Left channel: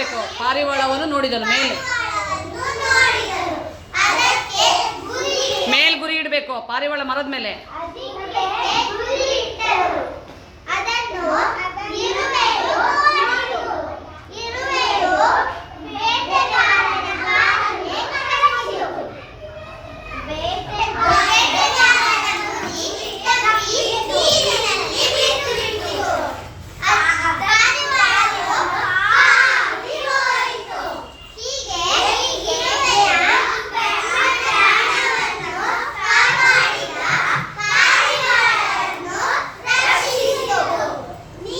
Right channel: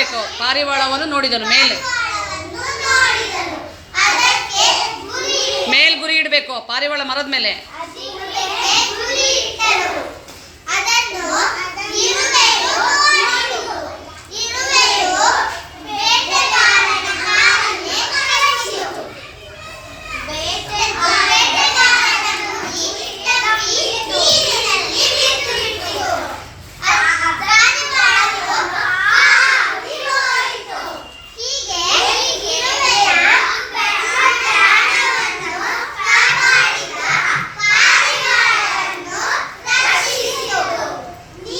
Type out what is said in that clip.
ನೋಡಬೇಕು. ಪಾರಿವಾಳವನ್ನು ನೋಡಿದನು ಮೇಲೆ. ಮೇಲ್ ಗುರಿ ಇಡಬೇಕು ಪಾರಿವಾಳ ಮರದ ಮೇಲೆ.